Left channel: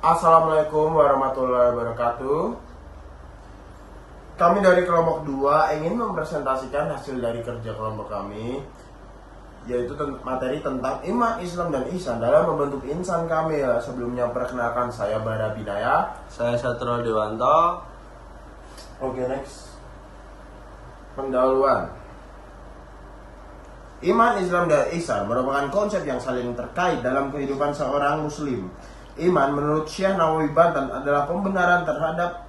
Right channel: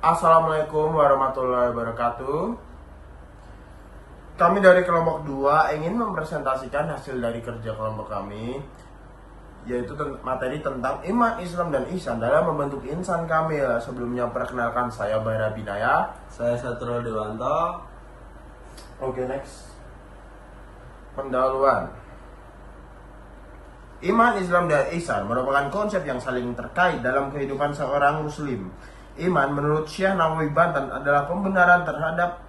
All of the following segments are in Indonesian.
Assalamualaikum warahmatullahi wabarakatuh. Kami dari kelompok 2 ingin mempresentasikan hasil dari kerja kelompok kami, yaitu materi tentang iman, Islam, dan ihsan dalam membentuk insan kamil. Sebelumnya perkenalkan, saya Bara Binaya. Saya Satrio Dewanto. Oke, next. Pendahuluan. Iman, Islam, dan ihsan merupakan konsep yang saling terkait dalam kehidupan seorang muslim. Iman menurut Syekh Nawawi Banten adalah pembenaran terhadap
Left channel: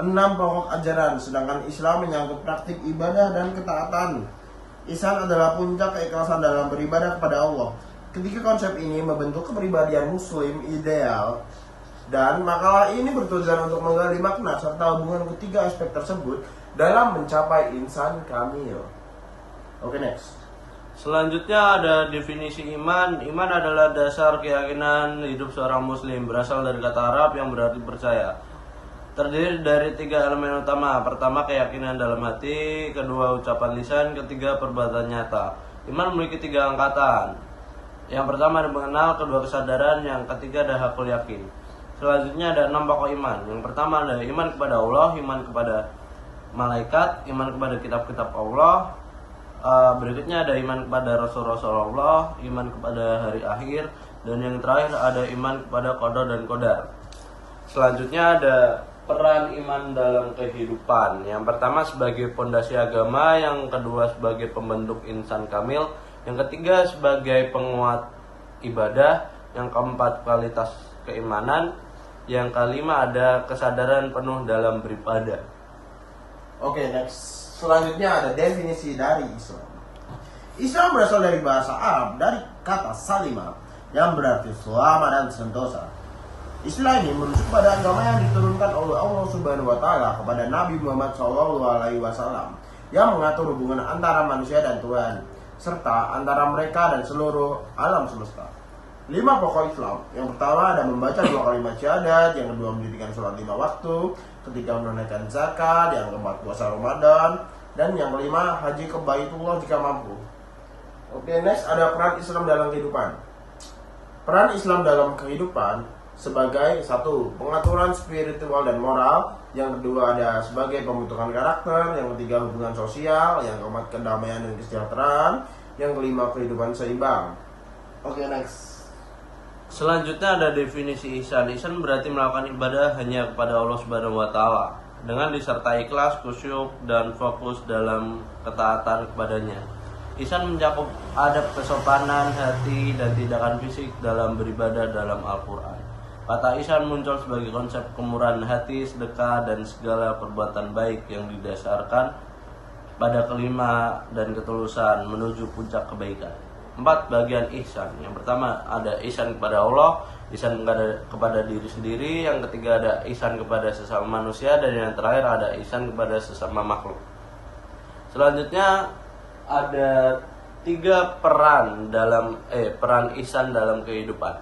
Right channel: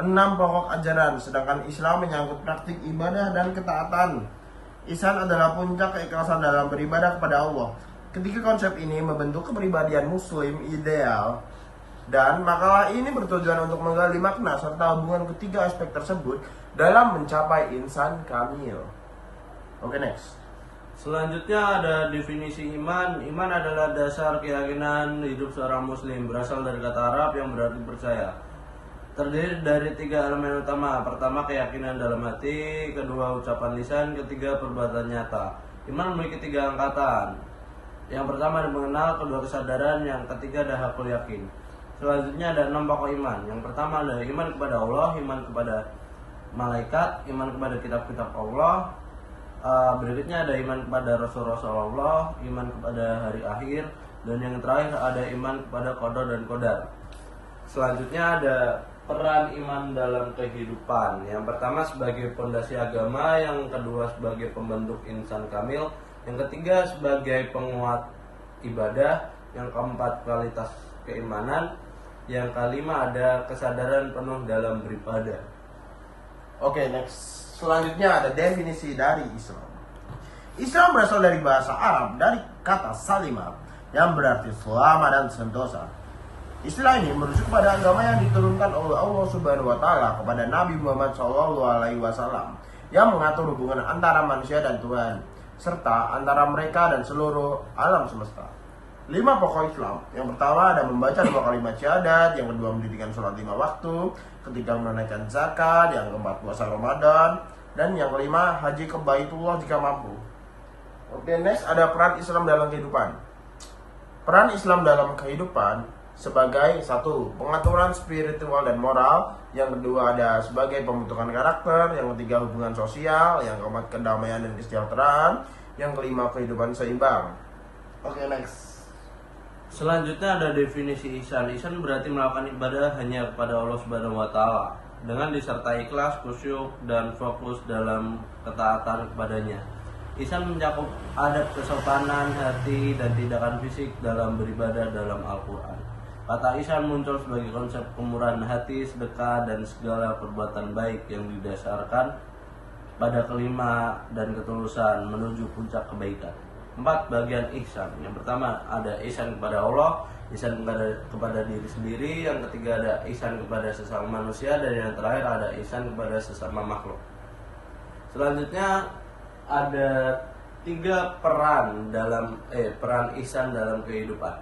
6 pokok ajaran, sedangkan Islam menyangkut praktik ibadah dan ketaatan. Ihsan adalah puncak keikhlasan dalam beribadah kepada Allah. Ketiga konsep ini membentuk kepribadian muslim ideal, dan makalah ini bertujuan untuk menggali makna serta hubungan ketiga aspek tersebut dalam mencapai insan kamil. Oke, next. Selanjutnya ada definisi iman. Iman adalah dasar keyakinan hidup seorang muslim. Berasal dari kata Arab yang berarti percaya. Terdiri dari 3 elemen utama. Pertama, keyakinan dalam hati. Kedua, ucapan lisan. Ketiga, perbuatan nyata. Iman memiliki 3 angkatan. Yang pertama ada mengenal, kedua kesadaran, yang ketiga ada hakul yakin. Selanjutnya ada 6 pokok iman. Yang pertama adalah iman kepada Allah, iman kepada malaikat, iman kepada kitab-kitab Allah. Berikutnya ada iman kepada Rasul-Rasul Allah, iman kepada hari akhir, dan yang terakhir ada iman kepada qada dan qadar. Selanjutnya ada peran iman dalam kehidupan. Yang pertama sebagai pondasi agama, yang kedua sebagai pembentuk insan kamil, yang ketiga sebagai penguat ibadah, yang keempat kualitas keimanan, yang kelima ada kesadaran penuh dalam beribadah. Oke, next. Selanjutnya ada definisi dari Islam. Islam berasal dari bahasa Arab dari kata salima yang berarti selamat dan sentosa. Istilah ini merujuk pada agama yang diturunkan oleh Allah Subhanahu wa taala kepada Nabi Muhammad SAW yang mengatur hubungan antara manusia dan Tuhan serta antara mereka dan seluruh alam semesta. 5 pokok Islam. Yang pertama ada membaca 2 kalimat syahadat, yang kedua mendirikan sholat 5 waktu, ketiga menunaikan zakat, yang keempat puasa Ramadan, dan yang kelima haji ke Baitullah jika mampu. Oke, next ada peran Islam dalam kehidupan. Peran Islam dalam kehidupan sebagai 1. Pengaturan spiritual dan moral, yang kedua ada sebagai pembentukan karakter, yang ketiga hubungan sosial, yang keempat kedamaian dan kesejahteraan, yang kelima kehidupan seimbang. Oke, next. Selanjutnya ada definisi ihsan. Ihsan berarti melakukan ibadah hanya kepada Allah Subhanahu wa taala dengan disertai ikhlas, khusyuk, dan fokus dalam ketaatan kepadanya. Ihsan mencakup adab kesopanan hati dan tindakan fisik dalam beribadah dalam Al-Qur'an. Kata ihsan muncul sebagai konsep kemurahan hati, sedekah, dan segala perbuatan baik yang didasarkan pada kelima dan ketulusan menuju puncak kebaikan. 4 bagian ihsan. Yang pertama ada ihsan kepada Allah, ihsan kepada diri sendiri, yang ketiga ada ihsan kepada sesama manusia, dan yang terakhir ada ihsan kepada sesama makhluk. Selanjutnya ada 3 peran dalam peran ihsan dalam kehidupan.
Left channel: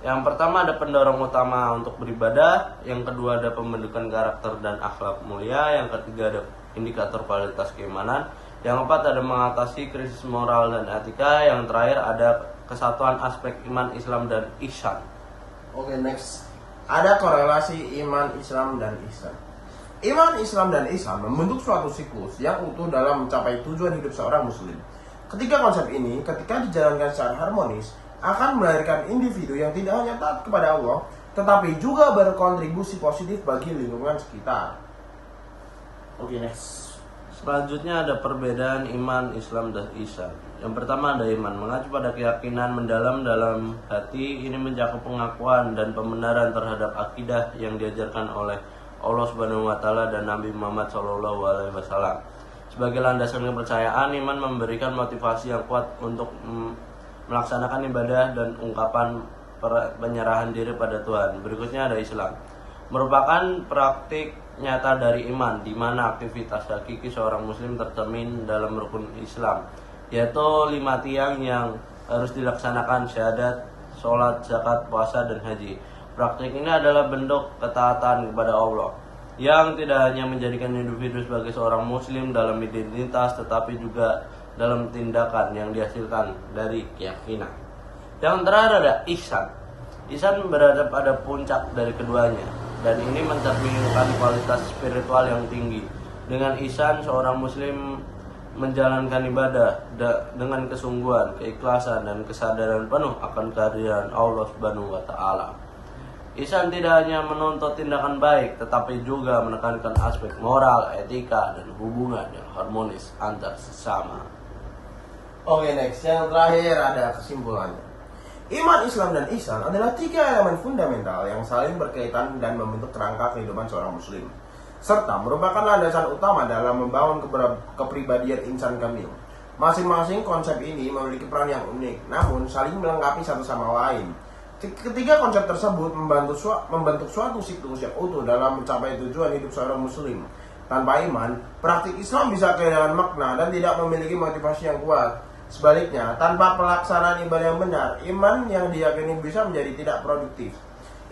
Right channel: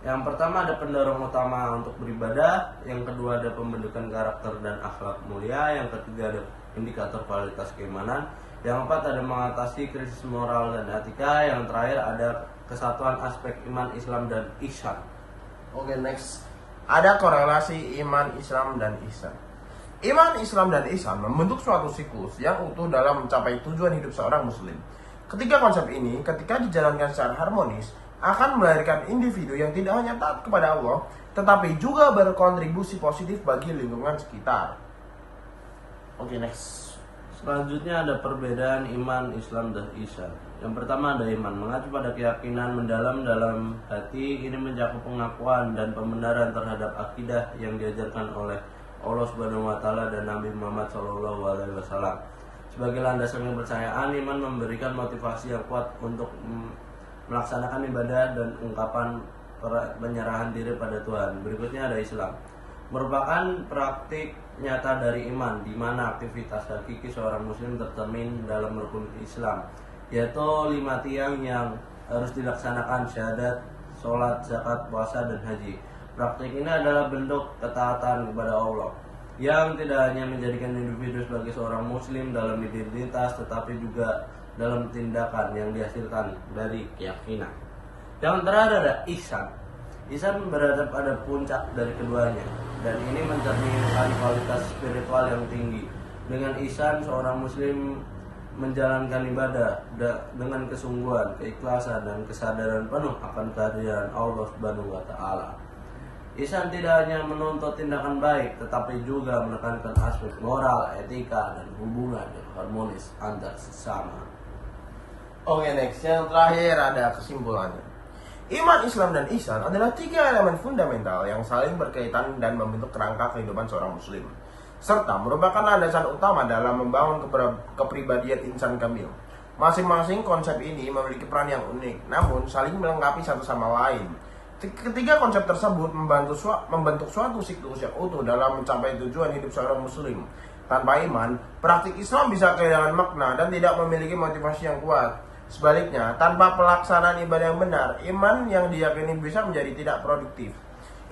Yang pertama ada pendorong utama untuk beribadah, yang kedua ada pembentukan karakter dan akhlak mulia, yang ketiga ada indikator kualitas keimanan, yang keempat ada mengatasi krisis moral dan etika, yang terakhir ada kesatuan aspek iman, Islam, dan ihsan. Oke, next. Ada korelasi iman, Islam, dan ihsan. Iman, Islam, dan ihsan membentuk suatu siklus yang utuh dalam mencapai tujuan hidup seorang muslim. Ketiga konsep ini ketika dijalankan secara harmonis akan melahirkan individu yang tidak hanya taat kepada Allah, tetapi juga berkontribusi positif bagi lingkungan sekitar. Oke, next. Selanjutnya ada perbedaan iman, Islam, dan ihsan. Yang pertama ada iman, mengacu pada keyakinan mendalam dalam hati. Ini mencakup pengakuan dan pembenaran terhadap akidah yang diajarkan oleh Allah Subhanahu wa taala dan Nabi Muhammad SAW. Sebagai landasan kepercayaan, iman memberikan motivasi yang kuat untuk melaksanakan ibadah dan ungkapan penyerahan diri pada Tuhan. Berikutnya ada Islam. Merupakan praktik nyata dari iman, di mana aktivitas hakiki seorang muslim tercermin dalam rukun Islam, yaitu 5 tiang yang harus dilaksanakan: syahadat, sholat, zakat, puasa, dan haji. Praktik ini adalah bentuk ketaatan kepada Allah yang tidak hanya menjadikan individu sebagai seorang muslim dalam identitas, tetapi juga dalam tindakan yang dihasilkan dari keyakinan. Yang terakhir ada ihsan. Ihsan berada pada puncak dari keduanya, dan ini mencerminkan kualitas spiritual yang tinggi. Dengan ihsan, seorang muslim menjalankan ibadah dengan kesungguhan, keikhlasan, dan kesadaran penuh akan kehadiran Allah Subhanahu wa Ta'ala. Ihsan tidak hanya menuntut tindakan baik, tetapi juga menekankan aspek moral, etika, dan hubungan yang harmonis antar sesama. Oke, next. Yang terakhir ada kesimpulannya. Iman, Islam, dan ihsan adalah 3 elemen fundamental yang saling berkaitan dan membentuk kerangka kehidupan seorang muslim, serta merupakan landasan utama dalam membangun kepribadian insan kamil. Masing-masing konsep ini memiliki peran yang unik, namun saling melengkapi satu sama lain. Ketiga konsep tersebut membentuk suatu siklus yang utuh dalam mencapai tujuan hidup seorang muslim. Tanpa iman, praktik Islam bisa kehilangan makna dan tidak memiliki motivasi yang kuat. Sebaliknya, tanpa pelaksanaan ibadah yang benar, iman yang diyakini bisa menjadi tidak produktif.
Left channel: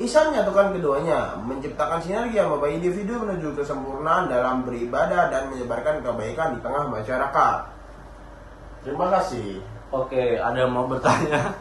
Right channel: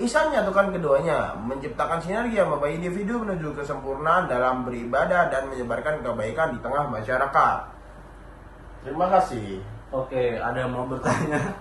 Ihsan menyatukan keduanya, menciptakan sinergi yang membawa individu menuju kesempurnaan dalam beribadah dan menyebarkan kebaikan di tengah masyarakat. Terima kasih. Oke, ada yang mau bertanya?